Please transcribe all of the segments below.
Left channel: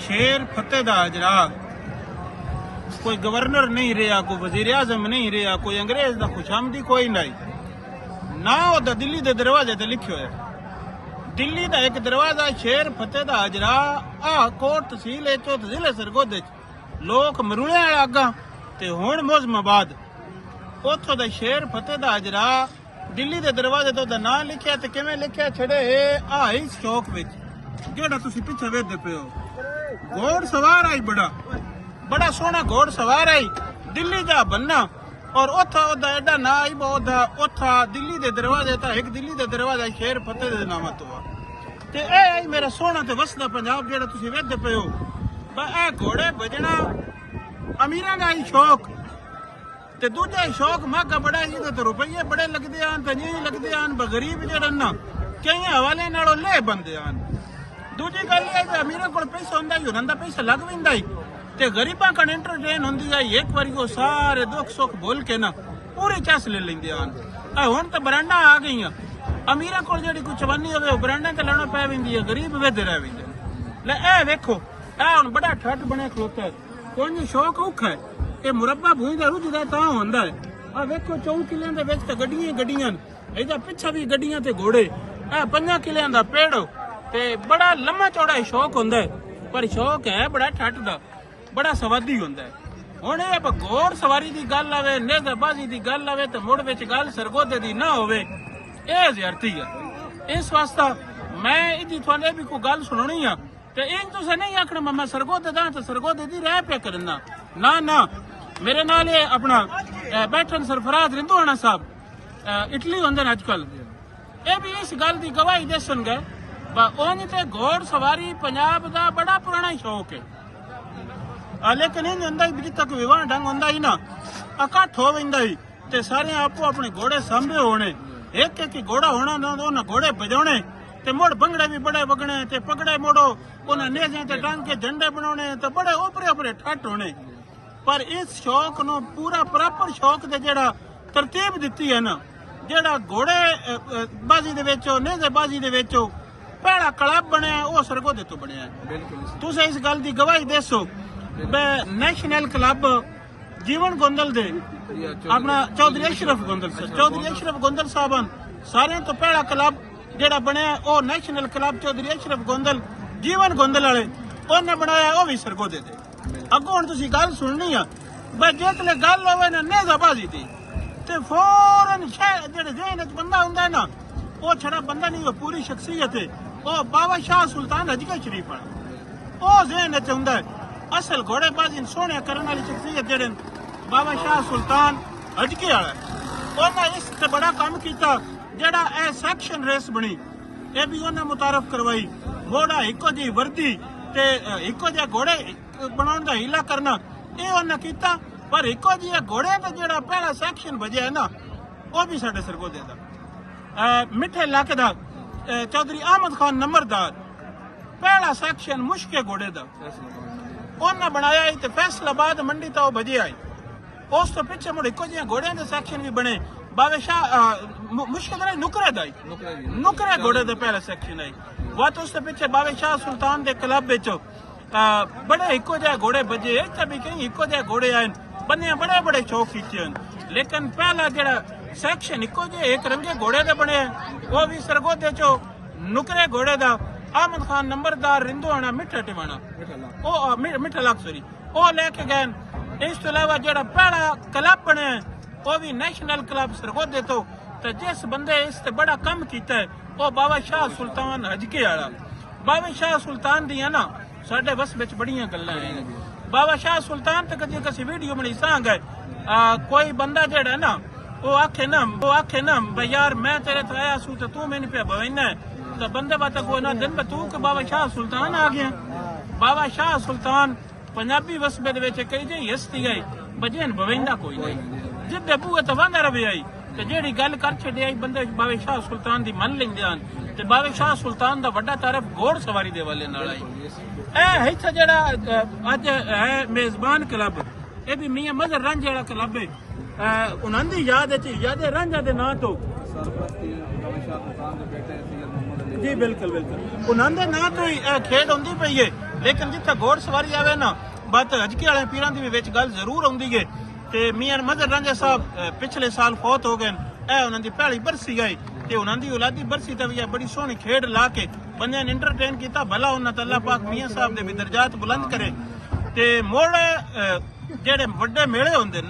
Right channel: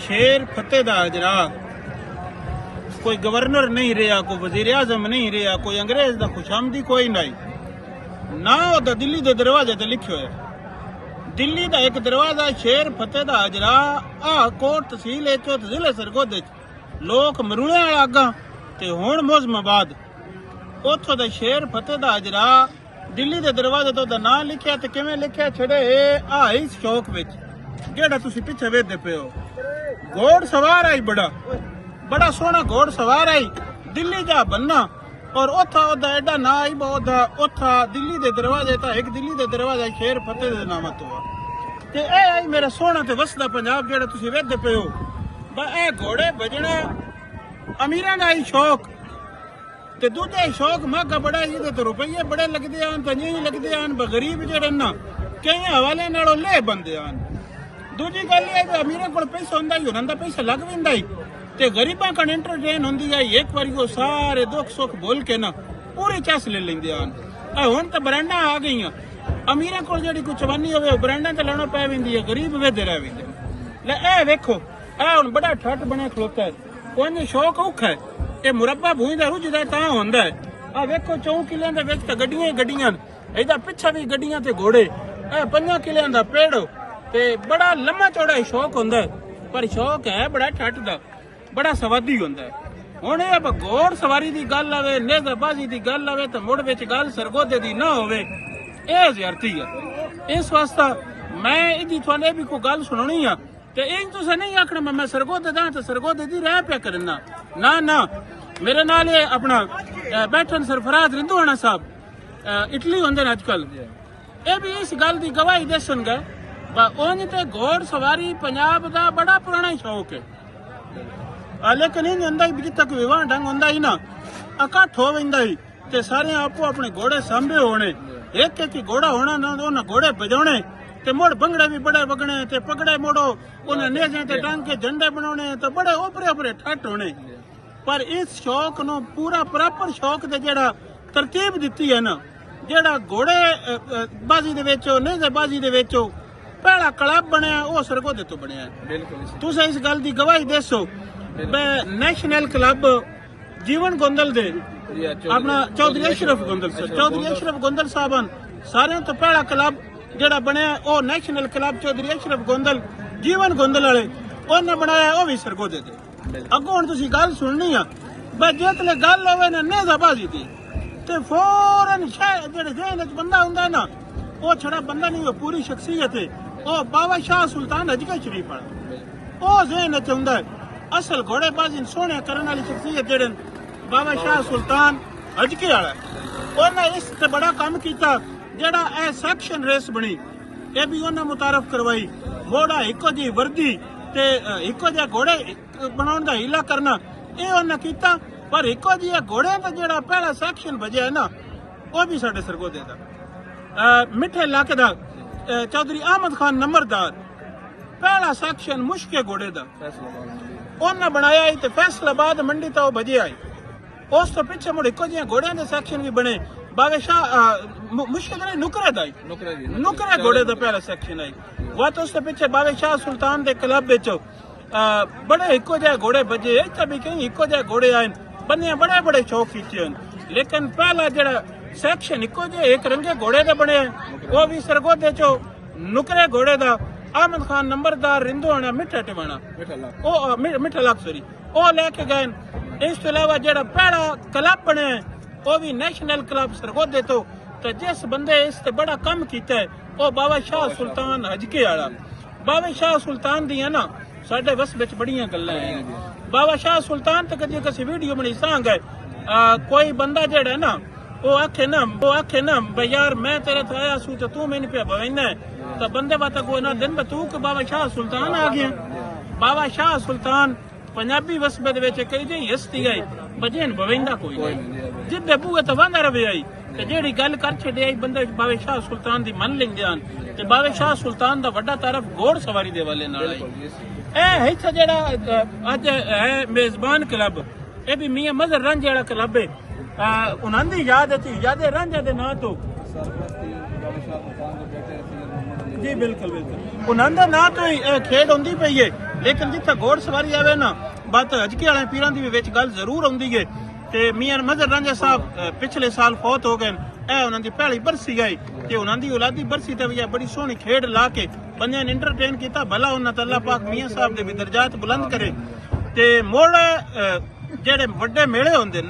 शेर फतेह दा अजरा कोई गवर्नर नहीं रहा, कोई वजीर आजम नहीं रहा, कोई अंग्रेज का खुशामदी कोई नहीं ना। ओदा दिल्ली के दरवाजे ते लिखियो है, दिल्ली का एक दरवाजा शेर फतेह दा अजरा आ कोट तहसील जिले सरगोदे लोग मरुले अगा ते हुण मोजमाबाद उथों दा शेर फतेह दा अजरा दिल्ली के दरवाजे तो नाम लिखिया ते किवें लिखिया छड़े आई शौक विच जेड़ा तुसीं पिछे वेखदे पे हो। घोड़ सवार आई बड़ा सोहना घोड़ सवार आई दिल्ली दा बन्ना और उथा ओदा एडा ना आई ओदा उथा दिल्ली दे दरवाजे ता एक दिल्ली दे दरवाजा शेर फतेह दे नाम तो ते ए आई मेरा सोहना ते वसदा पंजाब जेड़ा तुसीं वेखदे पे हो। ए घोड़े बजना अमीरां दा ही शौक ते दूजा शौक महंगा बड़ा ये तो रुपये बड़े लगते हैं तो नहीं लगते हैं गरीब जेड़े ना कई हवाले नालों ले बनते हैं। दूजी गल ये अमीरों को पैसा होंदा ही उन्हां दा पैसा लग पैंदा ही ते गरीबां कन एंटरटेन होंदी है एक बारी वो सारे दुख सुख बोल के ना पूरी चस ले लेंदे हैं। हुण तो ब्रांडा आ गई अमीरों को जेड़ी कोई चवानी होवे ब्रांडा ते लाना पै वेंदी है, गरीब वेदे रह वेंदे। ले ए वेखो आ हुण बड़ा ठट बने खलोता है कोई शौक औखा है ये मुरब्बा भूई का रुझदा तां होंदा है। आ वेखो 4 किलियां दे विच गड्डियां ही गड्डियां इधर पिछे भी गड्डियां ते घोड़े 5 किलियां दा पेड़ ते बड़ा लम्मा चौड़ा शौक होंदा है पर शौक है बड़ा ठट दा बड़ा सवादी होंदा है। हुण ये घोड़ सवारी दी गल आवे नेज़ाबाजी दी गल आवे ते मुड़ विच गल सरगोदे दी ना होवे ये ज़्यादती है। इस वास्ते मैं इदी तुहानू भी कोई गल सुनानी आ ते इन तुसें नहीं आखना मैं सरगोदे दा ते सरगोदे दी रह पे करना ना ना। मेरे नाल अपना बैठन सरफराज रिंधुआणा साहब इटली होंदे अजकल ये भी इस गल की गवाही दसन गए उंज ते घोड़ सवारी पंजाब का बड़ा पुराना शौक है। लेकिन इन होंदा ही जिथे कोई विवाह ढंग होंदा ही ना इकट्ठ हो वेंदा ही ते सारे आपो अपने घोड़े सांभे होने एक एक घोड़ा होना ना उन्हें घोड़े बजाने ते मुड़ भंगड़े भी बड़े वगने ते पगड़े मोड़ो उन्हें नेज़े ते टांग के झंडे बनाने ते बड़े ओपरे ओपरे ठट होने। पर इस शौक नो पूरा प्रॉपर शौक दे जेड़ा तरतीब दिती है ना जेड़ा घोड़े बाजी दे विचो नेज़ेबाजी दे विचो पहला क्लब बनया वो सरगोदे तो बनया है। तुसीं इस गल दी गवाही देसो नेशनल क्लब जीवन गोंदल दे अपना चौधरी अशरफ गोंदल साहब सारे तो पहला क्लब जेड़ा बनया वो नेशनल क्लब चौधरी अशरफ गोंदल जीवन गोंदल वाले उन्हें बनाया वो भी सरगोदे थे। अगों हुण तुसीं गल सुननी आ बस जिसले गल होवे ना नेज़ाबाजी दी ते फौरन जेड़े ज़हन च बंदा हुंदा है ना वो छड़ा बंदा नहीं वो पूरी शख्सियत है वो बाबा शाह सुल्तान अजगर शरीफ वाला वो ज़हन च हुंदा है। असल घोड़ेबाजी सोहणे करने वाली शख्सियत जेड़े बाबा शाह सुल्तान अजगर वाला उन्हें इस ते बड़ा काम किया जेड़ा ए सेक्शन रेस बनी ये भी उन्हें मुतारफ करवाई घोड़ा इको जी वर्दी ते इको जिहा घोड़े बनाने का हीला करना ये उन्हें किया। पर इको जिहा घोड़े का जेड़ा पहला सेक्शन बजा है ना वो भी साडे सरगोदे दा मिठे इलाके दा चौधरी अहमद खान नंबरदार पहला सेक्शन मुश्के घोड़े दा उन्हें बनाया ही ते फैसलाबाद मंडी तो बजे आई उस तो पिछे मुड़ इको जिहा घोड़े के सेक्शन भी बने बाबे शाह मुश्किल नुकरे दा नुकरे घोड़े दा पहला सेक्शन आई वो तो उसके पिछे बाबे शाह सुल्तान के क्लब बेचो बड़े इको जहे घोड़े बजे भी कहीं इको जहे घोड़े आए बने बड़े बड़े शौक किए लेकिन पहला जरा सेक्शन इको जे एक रंगे घोड़े दे बने वो भी सरगोदे चो नुकरे घोड़े दा अहमद खान नंबरदार रिंधुआणा मिठा टिवाणा मिठा लाख सॉरी वो लेके गए। इस अलावा जरा पहला क्लब बने वो भी नेशनल क्लब सरगोदे तो जिस बंदे इस ते बड़ा कम किया है वो बाबा शाह सुल्तान हजके वाला बाबा शाह सुल्तान दी है ना साडे बस विच बड़ियां गल्लां हैं। बाबा शाह सुल्तान तक कदी किसी वीडियो बनी सांग है कोई बंदा जेड़ा ना वो आखे ना भाई यार मैं तेरे तो आया सू तो तू मैंने पे बवाइना है तो बंदे बात कोई ना दिन तू के बाबा शाह सुल्तान आ गया। बाबा शाह सुल्तान पंजाबी वसबे दे विच कई जी हस्ती आई बजेन बवाइंदा कोई जिब बूए तो वांदा रवे आई ते जेड़ी गल कर छड़े आई बंदे बाबे शाह सुल्तान दी मन लेंदे हन ते बाबे शाह सुल्तान दा वड्डा तरफ घोड़ सवारी दे वाले नाल आई इत्थे जेड़ा अज है मेजबान क्लब ये भी मियां मजहर रंज जेड़ा क्लब है उन्हां दी याद याद रंजा दे नां तो जी बिल्कुल बिल्कुल उन्हां दे नां तो ही खेड होंदी पई है लेकिन जिथे घोड़ सवारी आवे ना बात हजके वाले पीरां दी विच गल जरूर आउंदी है ते मियां मजर रांझा साहब पिछले साल फौत हो गए ए उन्हां दी पहली बरसी गई ते उन्हां दी औलादी बरसी ते भी बड़ी सोहनी खेड ला के बंदे ने इंटरटेन किया भला उन्हां ते अल्लाह पाक मियां साहब दे भी दर्जात बुलंद करे ते मोड़ जेड़े वड्डे मेले हुंदे न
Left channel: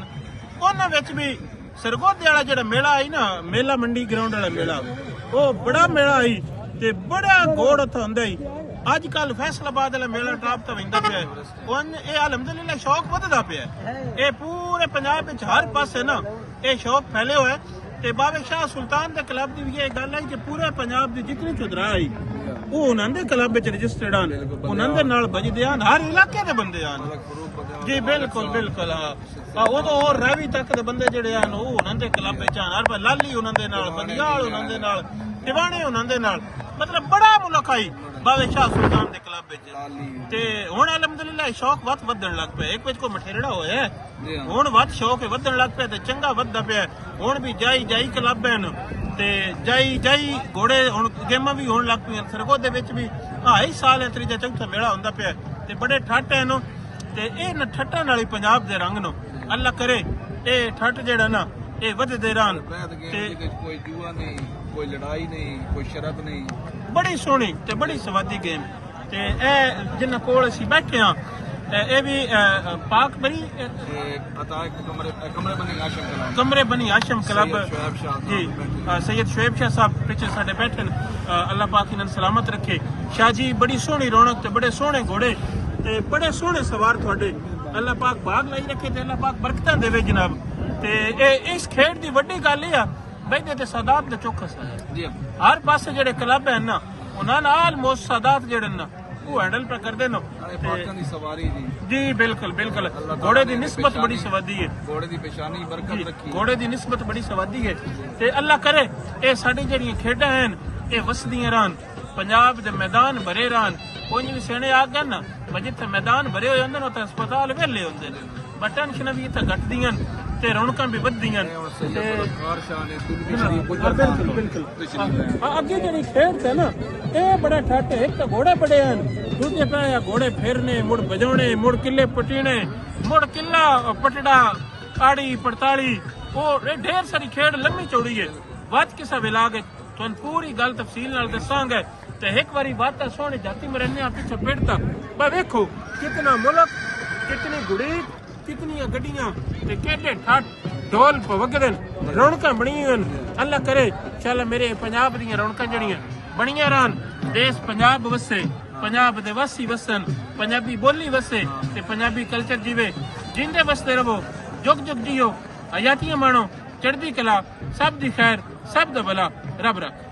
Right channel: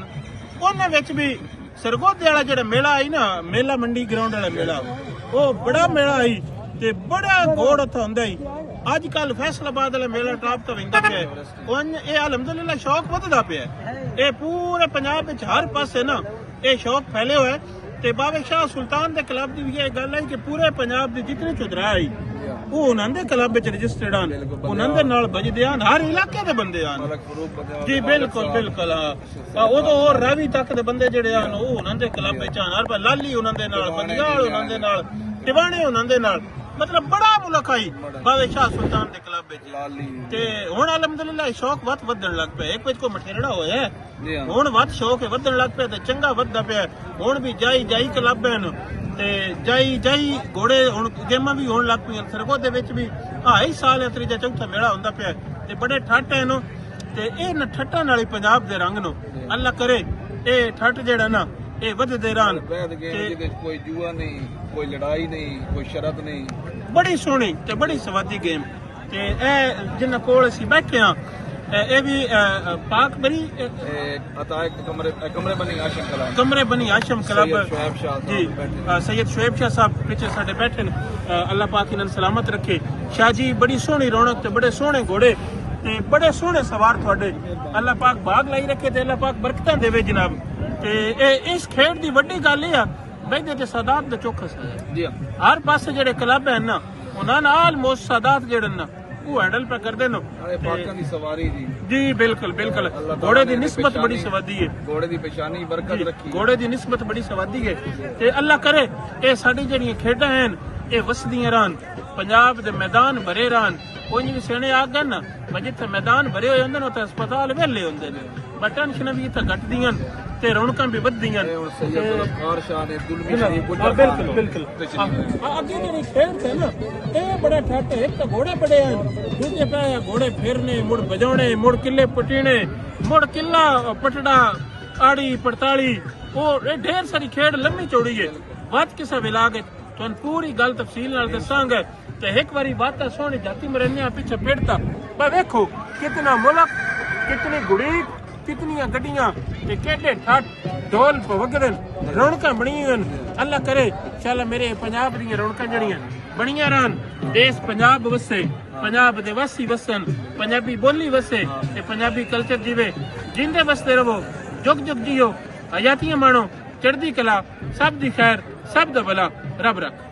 उन्हां विच भी सरगोधे वाला जेड़ा मेला आई ना मेला मंडी ग्राउंड वाला मेला वो बड़ा मेला आई ते बड़ा घोड़ उत्थे हुंदा ही अजकल फैसलाबाद वाला मेला टॉप तो रहिंदा पिया हुण ये अलहमदुलिल्लाह शौक वधदा पिया ये पूरे पंजाब विच हर पासे ना ये शौक फैले हुए ते बाबे शाह सुल्तान दे क्लब दी ये गल है कि पूरे पंजाब दी जितने चुदरा आई वो उन्हां दे क्लब विच रजिस्टर्ड आन उन्हां दे नाल बजदे आन हर इलाके दे बंदे आन जी बिल्कुल बिल्कुल हां वो तो और रावी तक दे बंदे जेड़े आन वो उन्हां दे क्लब विच आन हर लाली उन्हां दे नाल बनियाल उन्हां दे नाल दीवाने उन्हां दे नाल मतलब बड़ा मुल्क आई बाबे शाह सुल्तान दे क्लब विच लाली ते हुण अलहमदुलिल्लाह शौक वध वधन लग पिया एक विच को मठेरड़ा होया हुण वध शौक वधन लग पिया ते चंगा वधदा पिया हुण भी जाई जाई क्लब हैं ते जाई जाई घोड़े हुण गेमां भी होण लग पईयां सरगोधे विच भी हाई साल त्रीजा चौथा मेला हुंदा पिया ते बड़े ठट हैं नो ते इह ठट्टां नाल ही पंजाब दे रंग नो अल्लाह करे ਇਹ ਠੱਠ ਜਿਹੜਾ ਨਾ ਇਹ ਵਧਦੇ ਰਹਿਣ ਵੈਦ ਗੇਮ ਜਿਹਦੇ ਕੋਈ ਜੂਆ ਨਹੀਂ ਕੋਈ ਲੜਾਈ ਨਹੀਂ ਕੋਈ ਸ਼ਰਤ ਨਹੀਂ ਬੜੀ ਸੋਹਣੀ ਤੇ ਬੜੀ ਸਵਾਦੀ ਗੇਮ ਤੇ ਇਹ ਜਿੰਨਾ ਕੋਲ ਅਸੀਂ ਬੈਠੇ ਹਾਂ ਇਹ ਵੀ ਪਾਕ ਬਣੀ ਅਤਾ ਕਮਰੇ ਬਣੀ ਆਸ਼ਮ ਕਲਬ ਕਮਰੇ ਬਣੀ ਆਸ਼ਮ ਕਲਬ ਸ਼ੁਐਬ ਸ਼ਾਹ ਸਾਹਿਬ ਸੈयद ਸ਼ੁਐਬ ਸ਼ਾਹ ਸਾਹਿਬ ਪਿੱਛੇ ਸਾਡੇ ਬੈਠੇ ਨੇ ਅੱਲਾਹ ਪਾਕ ਇਹਨਾਂ ਨੂੰ ਸਲਾਮਤ ਰੱਖੇ ਸ਼ਾਹ ਜੀ ਬੜੀ ਸੋਹਣੀ ਰੌਣਕ ਤੇ ਬੜੇ ਸੋਹਣੇ ਘੋੜੇ ਤੇ ਬੜੇ ਸੋਹਣੇ ਸਵਾਰ ਤੁਹਾਡੇ ਅੱਲਾਹ ਪਾਕ ਬਾਗ ਲਾਈ ਰੱਖੇ ਤੇ ਅੱਲਾਹ ਪਾਕ ਬਰਕਤਾਂ ਦੇਵੇ ਜਨਾਬ ਤੇ ਇਹ ਇਸ ਖੇਡ ਦੀ ਵੱਡੀ ਗੱਲ ਇਹ ਆ ਬੈਠੇ ਤੇ ਸਾਦਾਤ ਦਾ ਚੌਕਸ ਹੈ ਜੀ ਹਰ ਪਾਸੇ ਜਿਹੜੇ ਕਲੱਬ ਹਨ ਨਾ ਉਹਨਾਂ ਨਾਲ ਆਲਮੋਸਟ ਸਾਦਾਤ ਜਿਹੜੇ ਨਾ ਉਹ ਹੈਂਡਲ ਪੇ ਕਰਦੇ ਨੇ ਨਾਲੇ ਪਾਕਾਂ ਦੀ ਸਵਾਰੀ ਜੀ ਬਿਲਕੁਲ ਬਿਲਕੁਲ ਘੋੜੇ ਦੀ ਨਿਸਬਤ ਬੜੀ ਸਵਾਦੀ ਹੈ ਘੋੜੇ ਦੀ ਪਛਾਣੀ ਬਰਕਤ ਰੱਖੀ ਘੋੜੇ ਦੀ ਨਿਸਬਤ ਬੜੀ ਸਵਾਦੀ ਹੈ ਤੇ ਅੱਲਾਹ ਕਰੇ ਇਹ ਸਾਡੀ ਜਿਹੜੀਆਂ ਖੇਡਾਂ ਹਨ ਇਹ ਵਸਦੀਆਂ ਰਹਿਣ ਪੰਜਾਬ ਦੇ ਮੈਦਾਨ ਭਰੇ ਰਹਿਣ ਕੋਈ ਵੀ ਸਿਆਣੇ ਆ ਗਏ ਨਾ ਜਿੱਥੇ ਮੈਦਾਨ ਭਰੇ ਹੋਏ ਹੁੰਦੇ ਨੇ ਉੱਥੇ ਹਸਪਤਾਲ ਵਿਹਲੇ ਹੁੰਦੇ ਨੇ ਬਟ ਟੈਨਸ਼ਨਾਂ ਵੀ ਇੱਥੇ ਘਟਦੀਆਂ ਤੇ ਰੌਣਕਾਂ ਵੀ ਵੱਧਦੀਆਂ ਸੈयद ਸ਼ਾਹ ਨੇ ਬਿਲਕੁਲ ਬਿਲਕੁਲ ਅੱਗੇ ਜਿਹੜੀ ਖੇਡ ਹੈ ਨਾ ਇਹ ਬੜਾ ਠੱਟ ਇੱਕ ਤਾਂ ਘੋੜੇ ਬੜੇ ਹਨ ਦੂਜੇ ਪਾਸੇ ਘੋੜੇ ਫੇਰਨੇ ਮੁੜ ਵਜਾਉਣੇ ਮੁੜ ਕਿੱਲੇ ਪਟੀਣੇ ਮੁੜ ਕਿੱਲਾ ਪਟੜਾ ਆੜੀ ਪੜਤਾਲੀ ਉਹ ਇਹ ਢੇਰ ਸਾਰੀ ਖੇਡ ਲੰਮੀ ਚੌੜੀ ਹੈ ਵੱਧ ਕਿਸੇ ਵਿਲਾ ਕੇ ਤੁਹਾਨੂੰ ਪੂਰੀ ਗੱਲ ਤਫਸੀਲ ਨਾਲ ਦੱਸਾਂਗੇ ਤੇ ਇੱਕ ਵਾਰੀ ਬਾਤ ਸੋਹਣੀ ਜਾਤੀ ਮਰਨੇ ਆ ਪਿੱਛੇ ਪੇੜਤਾ ਬਾ ਵੇਖੋ ਕਿਤਨਾ ਮੁਲਕ ਕਿਤਨੀ ਗੁੜੀ ਕਿਤਨੀਆਂ ਗੱਡੀਆਂ ਤੇ ਕਿਹੜੇ ਠੱਟ ਢੋਲ ਵਗਦੇ ਰੌਣਕਾਂ ਬਣੀਆਂ ਅੱਲਾਹ ਕਰੇ ਚੱਲ ਮੇਰੇ ਪੰਜਾਬ ਦੀਆਂ ਰੌਣਕਾਂ ਜਿਹੜੀਆਂ ਬਣੀਆਂ ਰਹਿਣ ਦੇਸ਼ ਪੰਜਾਬ ਵਸੇ ਪੰਜਾਬ ਦੇ ਵਾਸੀ ਵਸਣ ਪੰਜਾਬੀ ਬੋਲੀ ਵਸੇ ਤੇ ਪੰਜਾਬੀ ਕਲਚਰ ਜੀਵੇ ਜਿੰਦੇ ਵਸਦੇ ਰਹੋ ਜੁਗ ਜੁਗ ਜੀਓ ਹਯਾਤੀਆਂ ਮਾਣੋ ਚੜ੍ਹਦੀ ਕਲਾ ਸਭ ਦੀ ਖੈਰ ਸਭ ਦਾ ਭਲਾ ਰੱਬ ਰੱਖ